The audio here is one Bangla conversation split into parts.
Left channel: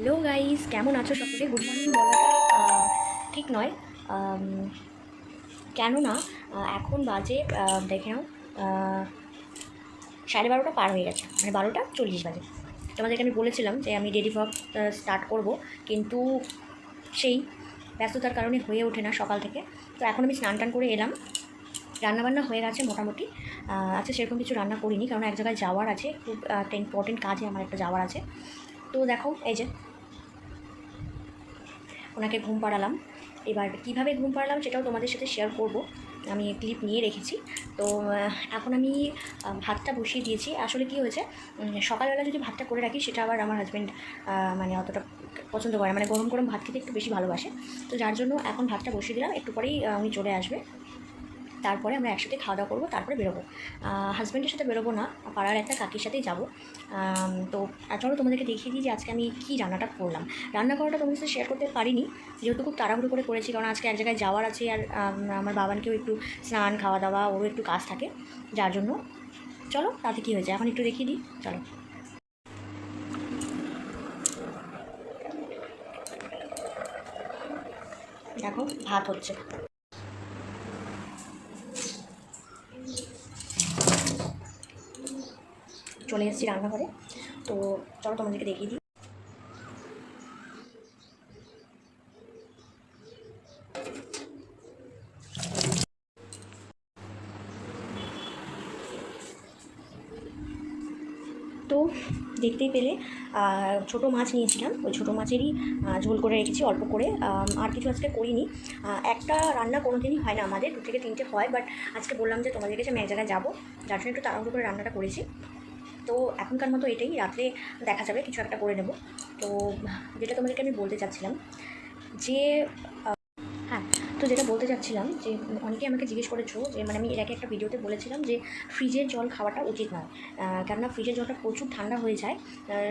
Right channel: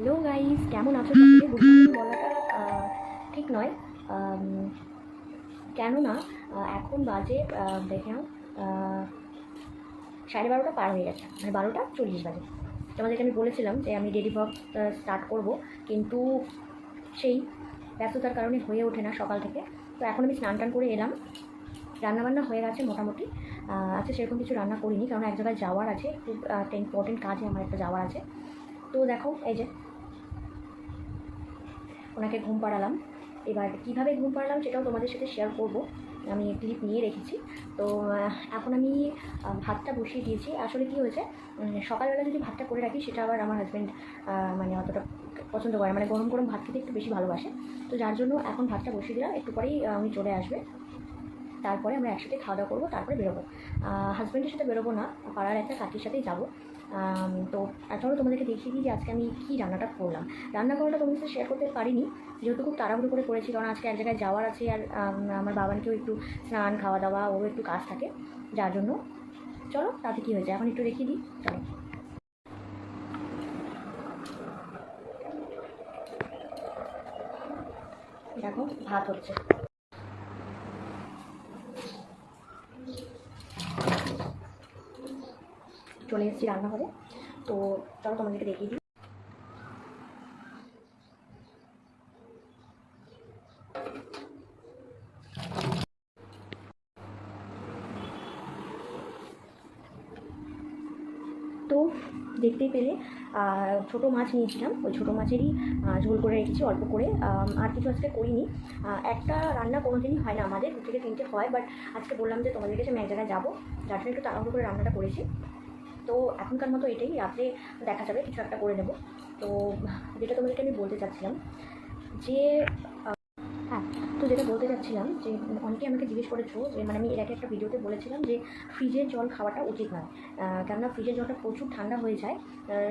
হ্যালো গাইস, কেমন আছো সকলে? গুড মর্নিং বলাটা ঠিক নয়, আম, কেননা এখন বাজে দেখে নাও 12:30 পার হয়ে গেছে, মানে 12:40 বাজে। তোমাদেরকে আমি বলেছিলাম যে আমি ডেলি ভ্লগ স্টার্ট করব, কিন্তু সেই ব্যস্ততার কারণে হয়ে ওঠে না সকাল থেকে। তো এখন আমি স্নান টান করে এলাম, রান্নাবান্না হয়ে গেছে মোটামুটি। আজকে সেরকম কিছু রান্না করিনি, কারণ এক জায়গায় যাওয়ার আছে, খুব একটা ইম্পর্টেন্ট কাজে আমার একটা যাওয়ার আছে। তো দেখো, এই যে ওনাকে ঘুম পাড়ালাম। এবার কিভাবে ঘুম পাড়ালাম সেটাও তোমাদের সাথে শেয়ার করব, আমি ক্লিপ নিয়ে রেখেছি। তো এখন আমি ভাতটা বসিয়ে দিয়েছি। আসলে কি হয়েছে, সকালবেলা যদি ভাতটা করে রাখি সেটা আবার আমার হাজব্যান্ড মানে অতটা পছন্দ করে, মানে গরম গরম ভাত খেতে একটু বেশি ভালোবাসে। তো যার জন্য এখন ভাতটা বসিয়ে দিলাম, একটু পরেই উনি চলে আসবে, তারপরে আমরা একসাথে খাওয়া দাওয়া করবো, তারপরে বেরোবো। হাজব্যান্ডের সাথে বেরোবো না, পাড়ার একটা কাকির সাথেই যাবো। তো চলো তোমাদেরকে দেখিয়ে দিই যে আজকে আমি কী রান্নাটা করলাম। রান্না করাটা তোমাদের সাথে শেয়ার করতে পারিনি, যেহেতু খুব তাড়াহুড়ো করে করেছি, কারণ আজকে এক জায়গায় যাওয়ার আছে, আর আমার বাবানকেও একটু স্নান খাওয়া দাওয়া ওরও একটু কাজ থাকে, যার জন্য। চলো তাতে কী হয়েছে এখন একটু দেখিয়ে দিই, চলো। দেখো ভাত হচ্ছে, চলে এসেছি রান্নাঘরে। তো চলো তোমাদেরকে দেখিয়ে দিই। তো দেখতেই পেলে ছোটো মাছ নিয়েছিলাম, ওই ছোটো মাছেরই ঝোল করে রেখেছি অল্প করে, আর কিছু আজকে করিনি। একটা রান্না কোনো দিনই হয় না আমাদের, 2 থেকে 3টে হয়, বাট আজকে বললাম যে তোমাদের কাছে আমি এক জায়গায় যাবো, যার জন্য একটু তাড়াহুড়ো করে রান্নাটা করেছি। তো এখনকার মতো এটাই, রাত্রে দেখা যাবে কিছু একটা করে নেব। তো যেটা তোমাদেরকে আমি বলতে চাচ্ছিলাম যে, হ্যাঁ, তো যেটা বলতে চাচ্ছিলাম যে অনেকেই আমাকে জিজ্ঞেস করেছো যে, মানে আমি এর আগে একটা ভিডিওতে বলেছিলাম যে ফ্রিজের জল খাওয়াটা উচিত নয়, কেননা ফ্রিজের জলটা প্রচুর ঠান্ডা হয়ে যায়,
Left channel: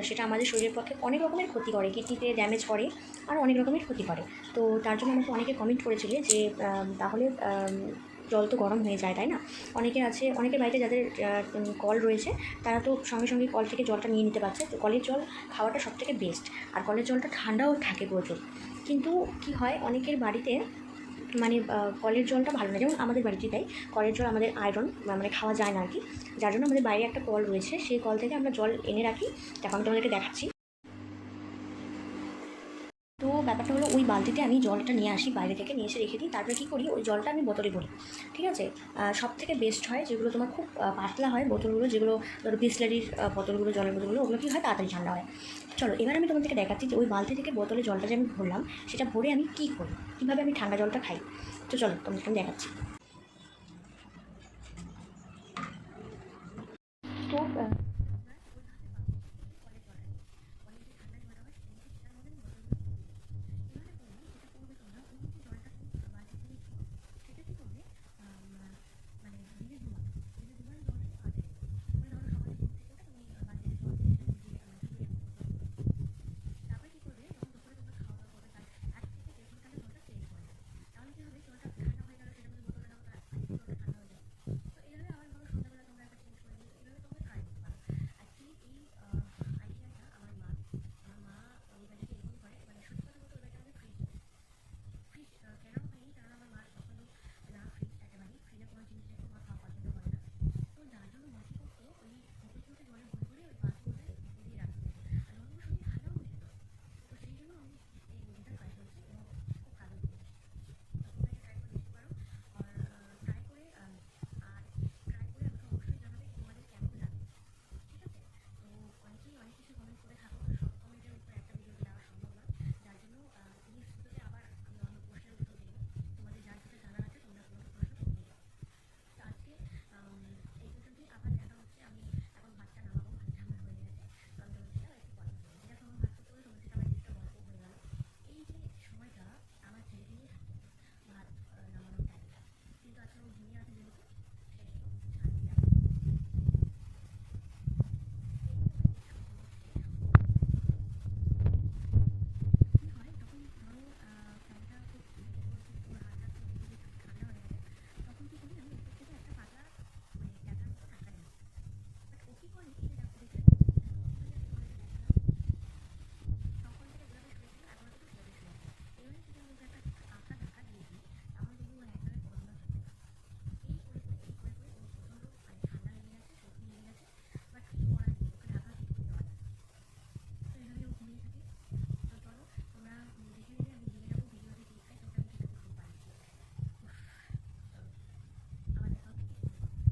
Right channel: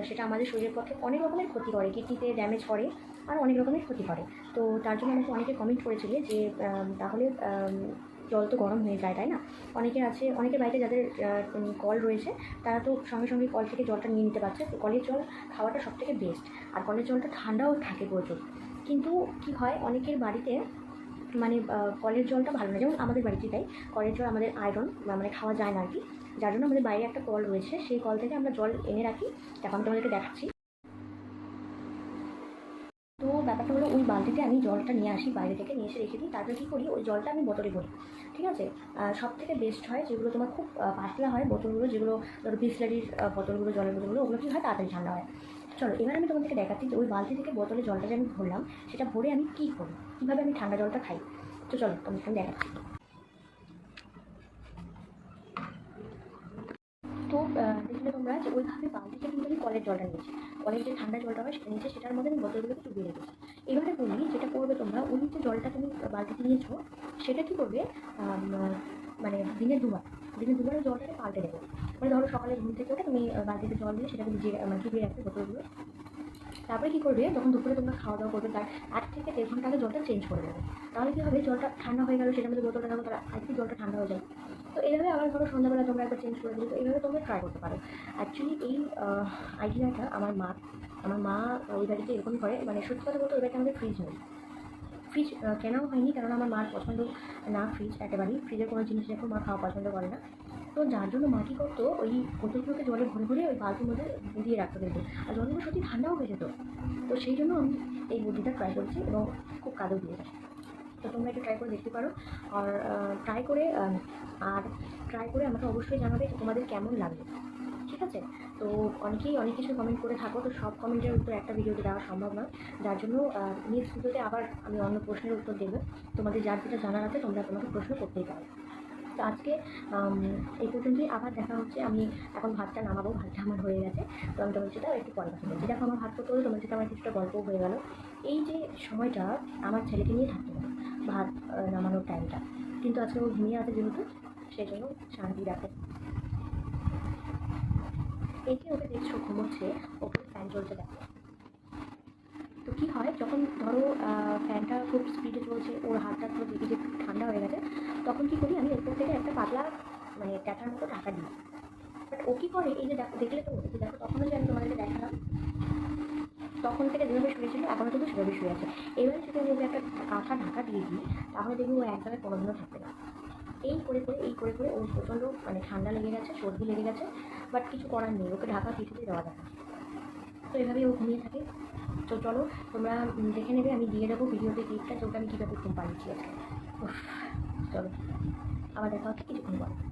সেটা আমাদের শরীরের পক্ষে অনেক রকমের ক্ষতি করে, কিডনিতে ড্যামেজ করে, আর অনেক রকমের ক্ষতি করে। তো তার জন্য আমাকে অনেকে কমেন্ট করেছিলে যে তাহলে জল তো গরম হয়ে যায়, তাই না? অনেকে আছে, অনেকের বাড়িতে যাদের কল রয়েছে, তারা তো সঙ্গে সঙ্গে কল থেকে জলটা নিয়ে নিতে পারছে। তো কলের জল খাওয়াটা সবথেকে বেস্ট, আর কলের জলটা ঠান্ডাও থাকে প্রচুর। কিন্তু কি হয়, অনেকের বাড়িতে মানে কলের জলটা ভালো না, যেমন আমাদের বাড়িতেই তাই, কলের জল আমাদের আয়রন, মানে খাওয়া যায় না আর কি। যার জন্য আমাদের বাইরে একটা কল রয়েছে, সেই কল থেকে আমরা জল এনে রাখি। দেখো আমি তোমাদেরকে দেখাচ্ছি। তো ব্যাপারটা হলো, ওই বালতিতে আমি জলটা নিয়ে আসি বাইরে থেকে, নিয়ে এসে রেখে দিই, তারপরে কী করি, ওই জলটা আমি বোতলে ভরি। ঠিক আছে, সব থেকে বেস্ট হয় যেগুলো তোমার খুব পাতলা হয় বোতলগুলো, যেগুলো ধরো বিসলারির বোতলগুলো, জলের বোতলগুলো, ওগুলো কী হয়, তাড়াতাড়ি ঠান্ডা হয়। চলো এবার আমি তোমাদেরকে দেখাচ্ছি যে ওই বালতি থেকে বোতলে জলটা যে আমি ভরলাম, সেটা ভরে আমি কী করি, কীভাবে আমি ঠান্ডা জলটা খাই। তো চলো তোমাদেরকে আমি দেখাচ্ছি। তো দেখলে তোমরা যে ওইভাবে বালতিতে কিন্তু আমি কলের জলটা নিয়েছি, কলের যে ঠান্ডা জলটা হয় সেটা নিয়েছি, সেটার মধ্যে আমি বোতলগুলোকে ডুবিয়ে রেখেছি। এবারে বলি, যেটা করবে তোমরা, ওই যে জলটা তুমি বালতিতে নিয়েছো, সেটা কী করবে, মানে দিনে দুবার ওই জলটাকে পাল্টে দেবে। মানে ধরো সকালে ঘুম থেকে উঠে তুমি বালতিতে জল দিয়ে সেটাকে ভিজিয়ে, মানে ডুবিয়ে রাখবে বোতলগুলো। তারপরে কী করবে, যখন দুপুরে তোমরা খাওয়া দাওয়া করবে, তার 1 থেকে 1.5 ঘন্টা আগে জলটা চেঞ্জ করে দেবে। তাহলে কী হবে, জলটা ঠান্ডা হয়ে গেল, সেটার মধ্যে বোতলটা রাখো, তার আজকে জলটা ঠান্ডা হয়ে যাবে। তো এইভাবে আবার ধরো সন্ধ্যাবেলা তোমরা একবার চেঞ্জ করে দিলে, তো এইভাবে তোমরা ট্রাই করতে পারো। অ্যাকচুয়ালি এই আইডিয়াটা আমার মা ওই বাড়িতে এরকমই করে। মানে সত্যি কথা বলতে, ওই বাড়িতে আমাদের ফ্রিজ নেই, ফ্রিজ কেনাও হয়নি, কারণ আমার মার পছন্দ না ফ্রিজ, একেবারেই ফ্রিজের কোনো জিনিস এখন মা খাওয়া পছন্দ করে না। তো যার জন্য মা কী করতো, ওই বোতলগুলোকে জলে ভরে ভরে ওই বালতির মধ্যে দিয়ে রাখতো কিন্তু, আর জলগুলো সত্যি ঠান্ডাও হয়ে যেত। তো সেই জন্য আমি এই বুদ্ধিটা ট্রাই করেছি, এবং খুব কাজও দিয়েছে। তো তোমরা একটু ট্রাই করে দেখতে পারো, আর ট্রাই করে আর ট্রাই করে আমাকে অবশ্যই জানাবে যে তোমাদের কেমন লাগবে। ঠিক আছে, তো অনেকেই অনেক কিছু কমেন্ট করে থাকো, তো সব কমেন্টের উত্তর একটা ভিডিওতে দেওয়া সম্ভব নয়, যার জন্য নেক্সট ভিডিওতে আবার আমি অন্য প্রশ্নের উত্তর দেবো। তোমাদের যার যেটা জানার আছে তোমরা তোমাকে প্রশ্ন করতেই পারো। তো আজকে এই পর্যন্তই, আবার দেখা হচ্ছে। আমি এখন ভাতটা নামাবো, ভাতটা আমার হয়ে গেছে। তো আমি তোমার সেটা একটু পরে কথা বলছি। দেখো আমার ভাত করতে হলে তোমার সাথে আমার কিছুটা গল্পও হয়ে গেল। এই যে সময়টা আমার ছেলেকে নিয়ে থাকতে হবে, ভাত নামানোর টাইমটা, কিন্তু আজকে ও ঘুমিয়ে আছে যেহেতু, সেই জন্য শান্তি রাখে। এই যে ওকে দেখছো ঘুমোচ্ছে, ওকে ফ্যান চলছে দেখো। তো কী হয়, যখন ধরো ফ্যানটা খুব স্পিডে চলছে, ওর হাতটা পুরো দেখে যে ঠান্ডা হয়ে গেছে, তখন কী করি, আমি ওপর থেকে একটা পাতলা, মানে ট্যাটার মতো ঢাকা দিই। বাট ও কী করে, এই যে দেখো, দেখলে তো, এই যে দেখো, তখনও যে আমি তোমাদেরকে দেখালাম, তখন থেকে যেভাবে শুয়েছিল এখনও কিন্তু সেভাবে শুয়ে আছে। এবারে যদি আমি ওকে একটা কাঁথা ঢাকা দিয়ে দিই তাহলে দেখবি ও এক জায়গায় কোনোদিনও থাকবে না। এই করে ওর প্রচণ্ড মানে ঠান্ডা লেগে গেছে, সর্দি লেগে গেছে, বাট কিছু করার নেই, ওকে ঢাকা কিছুতেই দেওয়া যায় না। তো এভাবেই ও ঘুমিয়ে থাকে। তো চলো তোমরা দেখে নেবে, আমি দিয়ে দেবো ভিডিওতে ক্লিপটা যে ওকে আমি কীভাবে ঘুম পাড়িয়েছি আজকে। উফ, চলো আবার দেখা হচ্ছে কিছুক্ষণ পর।